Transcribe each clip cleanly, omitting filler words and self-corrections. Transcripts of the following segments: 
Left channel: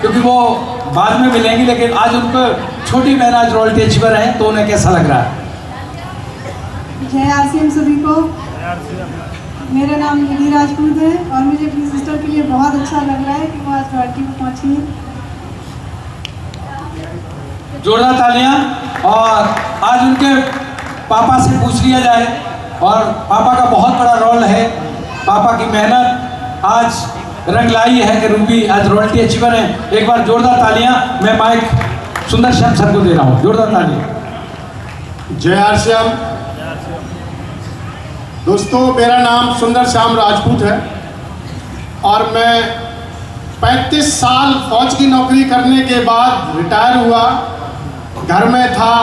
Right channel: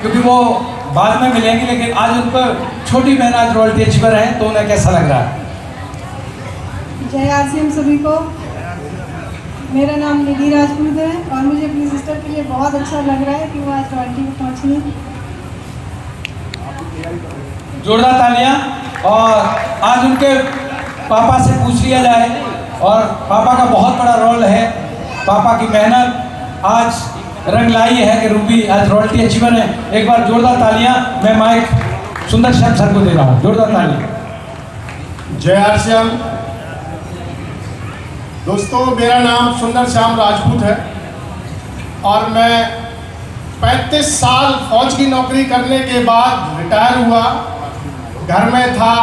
क्योंकि वो बाद में मिलेंगी, लेकिन आज उनको छोटी बहन आज रॉयल्टी अचीवर है, तो उन्हें कैसा लग रहा है? जय आसिम सभी को। मेरा नाम निधि राजपूत है और मुझे अपनी सिस्टर के लिए बहुत अच्छा लग रहा है कि वो आज रॉयल्टी में पहुंची है। जोरदार तालियां। और आज उनके पापा से पूछ लिया जाए, और पापा का बहुत बड़ा रोल है, पापा की मेहनत आज रंग लाई है कि रूबी आज रॉयल्टी अचीवर है। एक बार जोरदार तालियां। मैं माइक सुंदर श्याम सर को दे रहा हूँ, जोरदार तालियां। जय हरश्याम। दोस्तों, मेरा नाम सुंदर श्याम राजपूत है और मैं 35 साल फौज की नौकरी करने के बाद रिटायर हुआ, घर में था।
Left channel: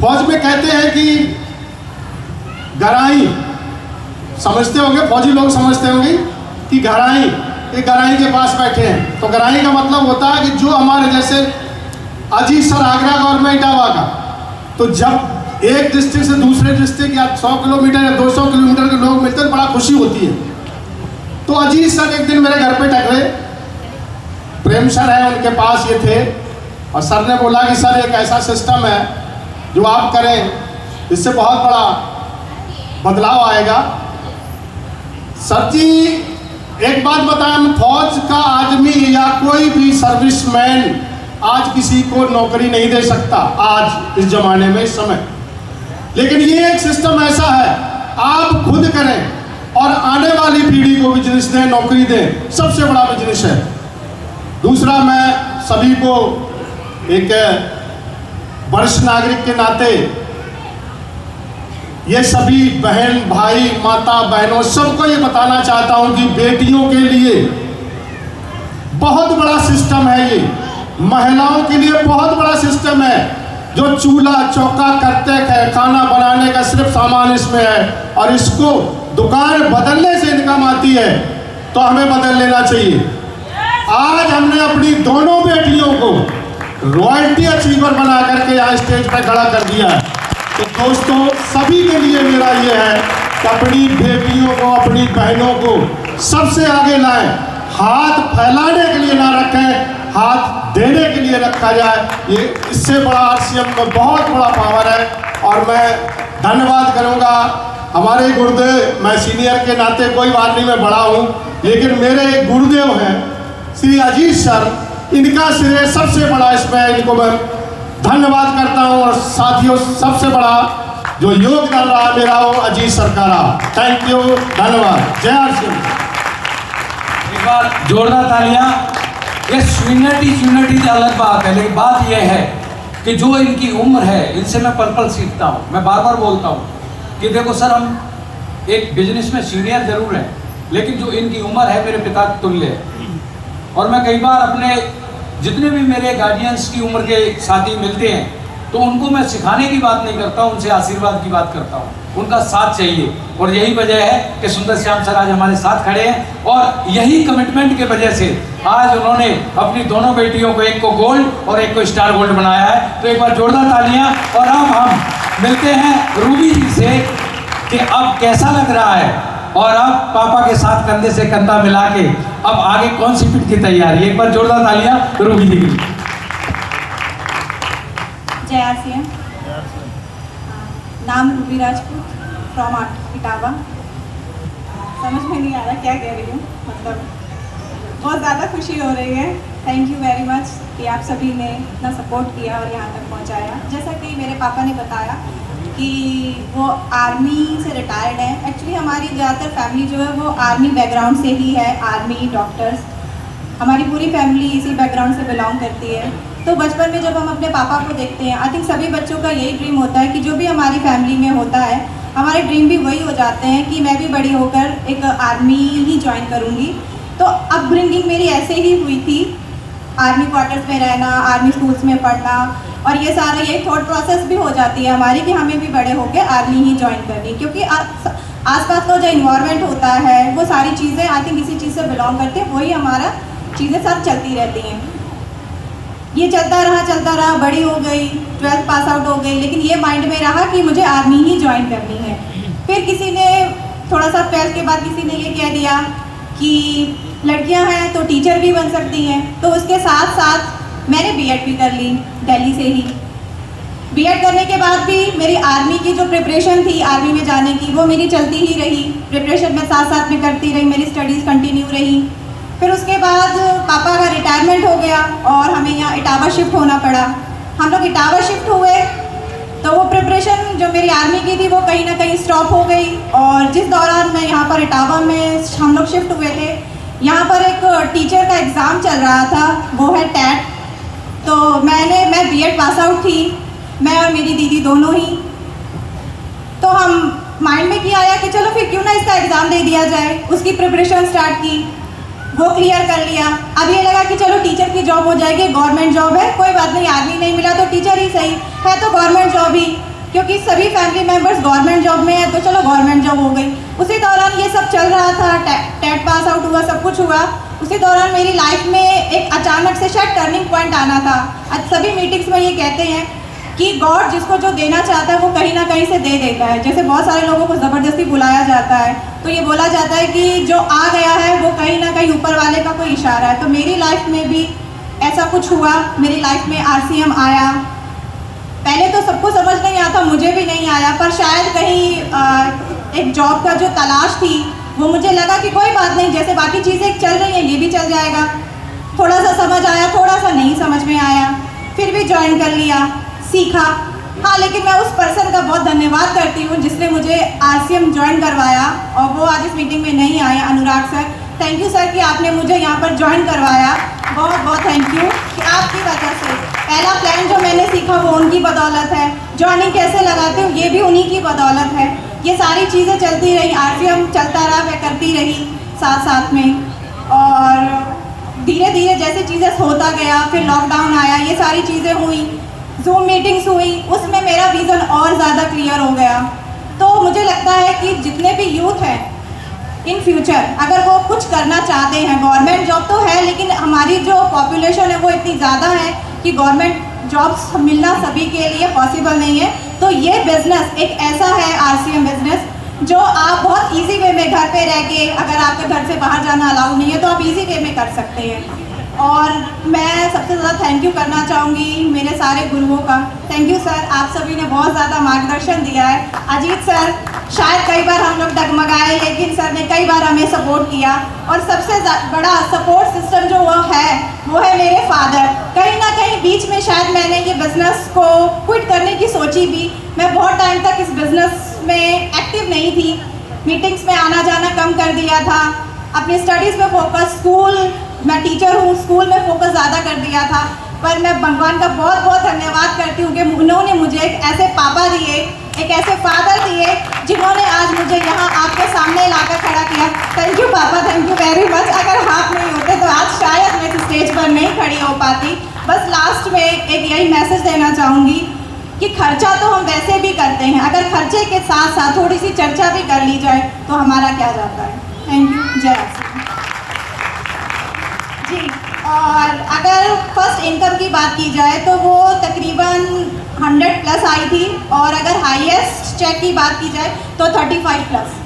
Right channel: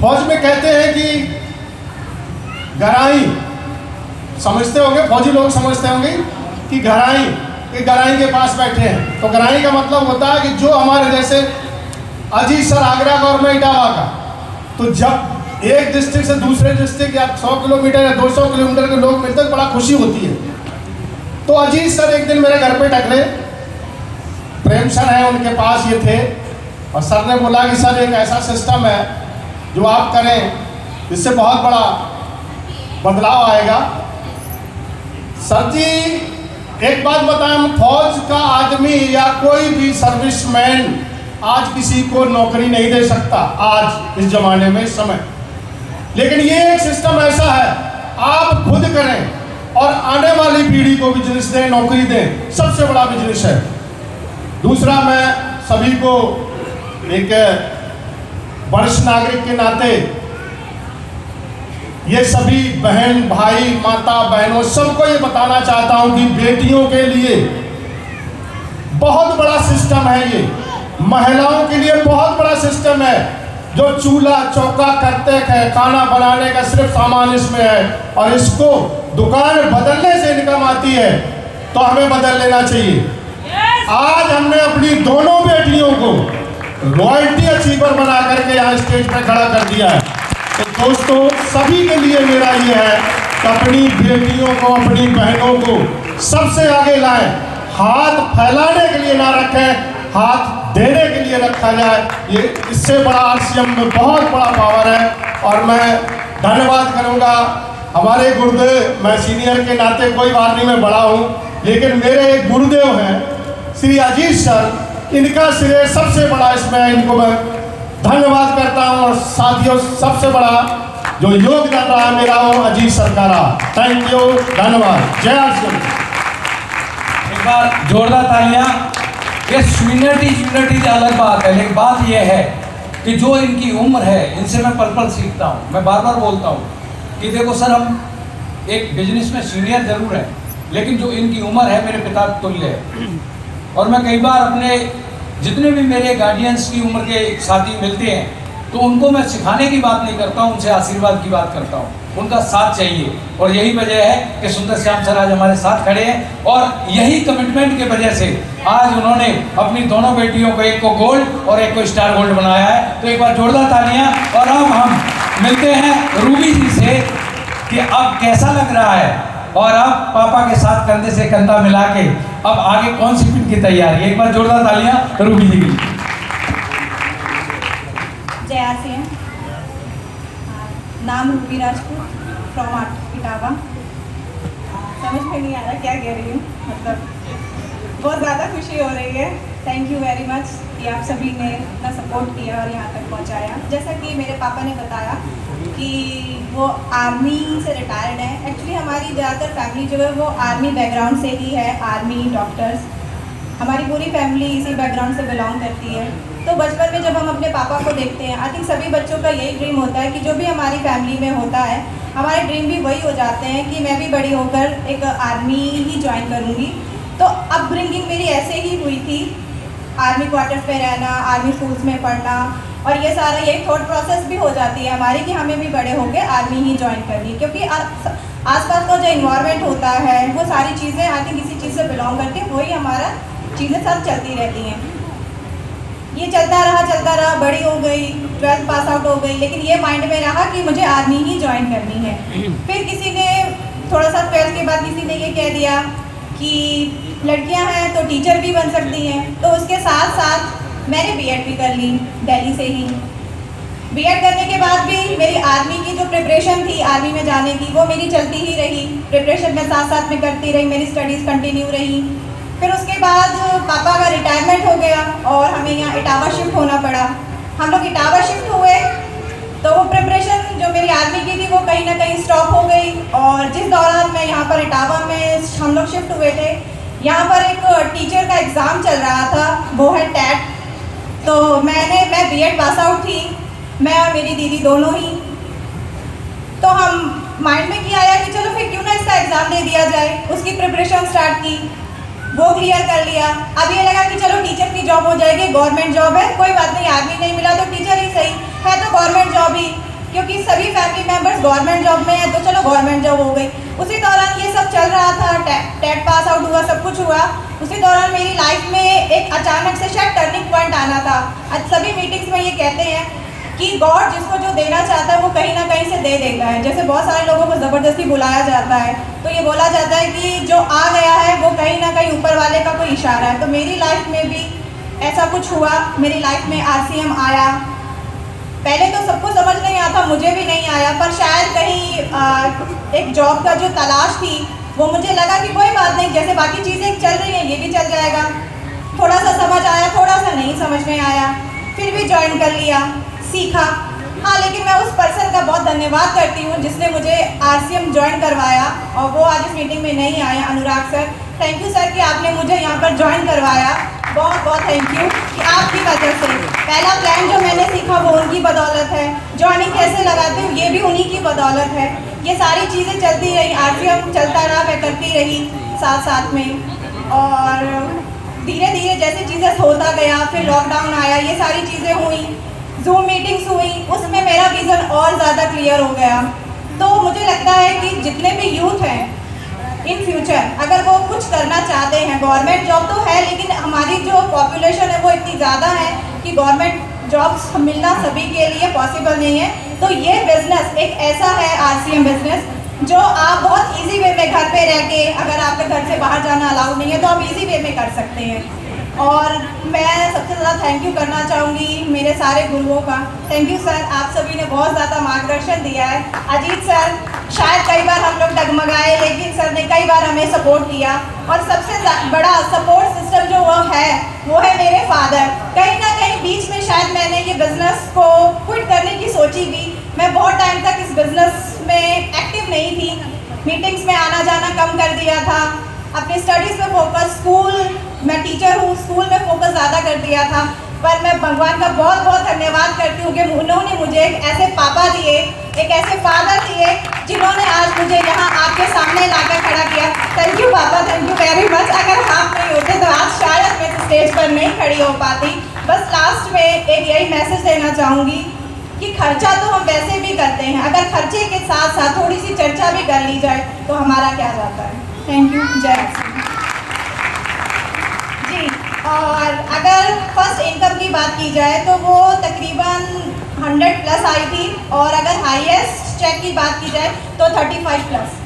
फौज में कहते हैं कि गराई, समझते होंगे, फौजी लोग समझते होंगे कि गराई, ये गराई के पास बैठे हैं। तो गराई का मतलब होता है कि जो हमारे जैसे अजीत सर आगरा का और मैं इटावा का, तो जब एक डिस्ट्रिक्ट से दूसरे डिस्ट्रिक्ट या 100 किलोमीटर या 200 किलोमीटर के लोग मिलते हैं, बड़ा खुशी होती है। तो अजीत सर एक दिन मेरे घर पे टकरे, प्रेम सर है उनके पास ये थे, और सर ने बोला कि सर एक ऐसा सिस्टम है जो आप करें, इससे बहुत बड़ा बदलाव आएगा। सर जी एक बात बताएं, फौज का आदमी या कोई भी सर्विसमैन आज किसी को नौकरी नहीं दे सकता, आज इस जमाने में, इस समय। लेकिन ये एक सिस्टम ऐसा है, आप खुद करें और आने वाली पीढ़ी को बिजनेस दें, नौकरी दें, सबसे बड़ा बिजनेस है। दूसरा, मैं सभी को एक वरिष्ठ नागरिक के नाते ये सभी बहन भाई माता बहनों सबको ये बताना चाहता हूं कि बेटियों के लिए बहुत बड़ा सिस्टम है, ये महिलाओं के लिए बहुत बड़ा सिस्टम है। जो चूल्हा चौका करते हैं, खाना बनाने का सिर्फ सामान इसमें है, और इसको दुकान बदलने से इनकम आती है, तो हमें बदल लेना चाहिए। आज हमने अपनी दोनों बेटियों को रॉयल्टी अचीवर बना करके यहाँ स्टेज पर खड़ा कर दिया है। तो दोस्तों, सभी के लिए मेरा ये है कि अपनी बेटियों को, अपनी बहनों को सबसे आगे लाएं, हाथ फैलाने के लिए ना रखें, हाथ देने के लिए रखा जाए। ये इससे बड़ा आरसीएम में बहुत बड़ा पावर है। और मैं धन्यवाद करूंगा हमारे गुरुदेव, मैं सीनियर के नाते कोई बात नहीं, मैं बड़ा हूं, लेकिन मेरे एक गुरुदेव हैं श्री अजीत सर, इनका श्रेय सबसे बड़ा इसमें, इनको मैं धन्यवाद करता हूं। और साथियों, सबसे बड़ा जो योगदान रहा मेरा वो अजीत सर का रहा। थैंक यू, धन्यवाद। जय हरसिंह। जोरदार तालियां। ये यूनिटी की अलग बात है, लेकिन बात यह है कि जो इनकी उम्र है, इनसे मैं पर्पल सीखता हूँ। मैं बार बार बोलता हूँ कि देखो सर, हम एक बिजनेस में सीनियर जरूर हैं, लेकिन जो इनकी उम्र है मेरे पिता तुल्य है। और मैं कई बार अपने जितने भी मेरे गार्डियंस की उम्र के साथी मिलते हैं, तो उनको मैं सिखाने की बात नहीं करता हूँ, उनसे आशीर्वाद की बात करता हूँ, उनका साथ चाहिए। और यही वजह है कि सुंदर श्याम सर आज हमारे साथ खड़े हैं, और यही कमिटमेंट की वजह से आज उन्होंने अपनी दोनों बेटियों को, एक को गोल्ड और एक को स्टार गोल्ड बनाया है। तो एक बार जोरदार तालियां। और अब हम मिलते हैं रूबी जी से कि अब कैसा लग रहा है, और अब पापा के साथ कंधे से कंधा मिला के अब आगे कौन सी पीठ की तैयारी। एक बार जोरदार तालियां रूबी जी की। जय आसिम। नाम रूबी राजपूत, फ्रॉम इटावा। समझ में नहीं आ रहा क्या कह रही हूँ, मतलब बहुत ज़्यादा खुशी हो रही है। थैंक यू वेरी मच कि आप सभी ने इतना सपोर्ट किया और यहाँ तक पहुँचाया। जैसा कि मेरे पापा ने बताया कि वो आर्मी से रिटायर्ड हैं। एक्चुअली हमारी ज़्यादातर फैमिली जो है वो आर्मी बैकग्राउंड से ही है, आर्मी, डॉक्टर्स, हमारी पूरी फैमिली इसी बैकग्राउंड से बिलोंग करती है। तो बचपन में जब हम अपने पापा को देखते हैं, आई थिंक सभी बच्चों का यही ड्रीम होता है कि जो भी हमारी फैमिली में होता है, हमारे ड्रीम भी वही हो जाते हैं कि मैं भी बड़ी होकर एक आर्मी ही ज्वाइन करूँगी। तो अपब्रिंगिंग मेरी ऐसे ही हुई थी, आर्मी क्वार्टर्स में रहना, आर्मी स्कूल्स में पढ़ना, और ये सारा ये थॉट प्रोसेस भी हो जाती है हमारी कि हमें भी बड़े होकर आर्मी ही ज्वाइन करनी, क्योंकि आसपास का जो इन्वायरमेंट होता है वो सारी चीज़ें आई थिंक इसी चीज़ से बिलोंग करती है, वही हमारा चीज़ें सब चलती रहती हैं। ये चलता रहा, बड़ी हो गई, 12th पास आउट हो गई, लेकिन ये माइंड में रहा कि मुझे आर्मी ही ज्वाइन करनी है। फिर किसी ने थोड़ा सा 12th के बाद किसी ने ये कह दिया कि लड़कियां हैं तो टीचर भी बन सकती हैं। तो उसके साथ साथ मैंने बीएड भी कर ली दिल्ली से ही। बीएड करने के बाद भी मेरी आर्मी की जो प्रिपरेशन थी आर्मी में जाने की, वो मेरी चलती ही रही। प्रिपरेशन में साथ साथ में करती रही, मेरी स्टडीज़ कंटिन्यू रही। फिर उसके बाद पापा का रिटायरमेंट हो गया और हमें यहाँ इटावा शिफ्ट होना पड़ा। हम लोग इटावा शिफ्ट हुए तो वो प्रिपरेशन जो मेरी आर्मी की थी वो कहीं ना कहीं स्टॉप हो गई। और जिस दौरान मैं यहाँ पर इटावा में हम लोग शिफ्ट हुए थे, यहाँ पर एक टीचर का एग्ज़ाम चल रहा था, वो है टेट। तो मैं बीएड पास आउट थी, मैं और मेरी दीदी दोनों ही। तो हम माइंड में किया आया कि चलो फिर क्यों ना इसका एग्ज़ाम दे दिया जाए। उसकी प्रिपरेशन स्टार्ट की, वो क्लियर कर लिया। अब ये लगा कि चलो टीचर की जॉब हो जाएगी, गवर्नमेंट जॉब है, कोई बात नहीं, आर्मी नहीं मिला तो टीचर ही सही है, तो गवर्नमेंट जॉब ही, क्योंकि सभी फैमिली मेम्बर्स गवर्नमेंट जॉब में है, तो चलो गवर्नमेंट जॉब हो गई। उसी दौरान ये सब चल रहा था, टेट पास आउट हुआ, सब कुछ हुआ। उसी दौरान मेरी लाइफ में एक अचानक से शायद टर्निंग पॉइंट आना था। आज सभी मीटिंग्स में ये कहते हैं कि गॉड जिसको जो देना चाहता है वो कहीं ना कहीं से दे देता है। जैसे बहुत सारे लोगों को ज़बरदस्ती बुलाया जाता है, तो ये बोला जाता है कि जो आ गया है वो कहीं ना कहीं ऊपर वाले का कोई इशारा है। तो मेरी लाइफ में भी ऐसा कुछ हुआ। मेरी लाइफ में आरसीएम आया। पहले तो सबको समझ नहीं आता, मुझे भी नहीं आया, पर शायद कहीं एक जॉब का जो तलाश थी वो मुझे लगा कि कोई बात नहीं, जैसे बाकी चीज़ें चल रही हैं ये भी चल जाएगा। थोड़ा सा समझ आया, थोड़ा सा नहीं समझ में आया, फिर भी ज्वाइन कर लिया, सीखा। हाँ, लेकिन मैं उस पर्सन का बहुत धन्यवाद करती हूँ जिसने मुझे आरसीएम ज्वाइन करवाया, और वो आज इस मीटिंग में नहीं आए, अनुराग सर। थैंक यू सर कि आपने मुझे यहाँ पर ज्वाइन करवाया, बहुत बहुत थैंक यू कि आपकी वजह से पहला प्लान जो मैंने सीखा वो उनकी बदौलत है। ज्वाइनिंग कैसे लगाते हो ये भी उन्हीं की बदौलत है। ये सारी चीज़ें चलती रही, आरसीएम चलता रहा, मैं करती रही साथ साथ में। और धीरे धीरे जैसे चीज़ें होता गया, फिर लॉकडाउन आया, ये सारी चीज़ें हुई, जूम मीटिंग्स हुई, उसमें मेरा विज़न और ज़्यादा क्लियर हो गया। तो मुझे लगता है कि जितने भी यूथ हैं इन फ्यूचर अगर वो कुछ करना चाहते हैं, गवर्नमेंट जॉब तो है लेकिन हमारी जो पॉपुलेशन है वो इतनी ज़्यादा है कि गवर्नमेंट जॉब्स मिलना सभी के लिए पॉसिबल नहीं है। तो ये बिज़नेस एक ऐसा है, आरसीएम बिज़नेस, जो आप बहुत इजी वे में घर पे रह के, अगर आपके घर से बाहर जाना अलाउड नहीं है तो आप इजी वे में कर सकते हैं। और मैं सबसे ज़्यादा थैंक यू करना चाहूँगी मेरे सारे गुरुओं का। थैंक यू सर, आप सभी ने बहुत ज़्यादा मार्गदर्शन दिया है। अजीत सर, शायद कई बार हम लोग डगमगाए लेकिन सर ने कई बार हमें सपोर्ट किया। और सबसे बड़ा सपोर्ट सिस्टम जो वो है मेरे फादर। कहीं ना कहीं बीच में शायद मैंने ये बिज़नेस को क्विट करने की सोची भी। मैं बहुत टाइम तक इस बिज़नेस में एक्टिव नहीं थी, मीटिंग्स में आना जाना कम कर दिया था, अपनी स्टडीज़ में फोकस, मैं टीचर हूँ, स्कूल में फोकस ज़्यादा कर दिया था। पर मैं भगवान का बहुत बहुत धन्यवाद करती हूँ कि उन्होंने मुझे एक ऐसे पापा दिए, एक ऐसे फादर दिए जिन्होंने आज मुझे यहाँ आपके सामने लाकर खड़ा किया। थैंक यू पापा, थैंक यू वेरी मच। अगर आप नहीं होते तो आज शायद मैं इस स्टेज पर नहीं खड़ी हो पाती। बस लास्ट में एक यही मैसेज देना चाहूँगी कि खर्चा तो हम वैसे भी करते हैं, अगर खर्चे के साथ साथ थोड़ी सी चर्चा भी कर ली जाए तो हमारा क्या जाता है। थैंक यू, जय जी। और अगर फर्स्ट इनकम की बात की जाए तो वो तकरीबन 100 प्लस आई थी, और अगर हाईएस्ट चेक की बात की जाए तो 35 प्लस।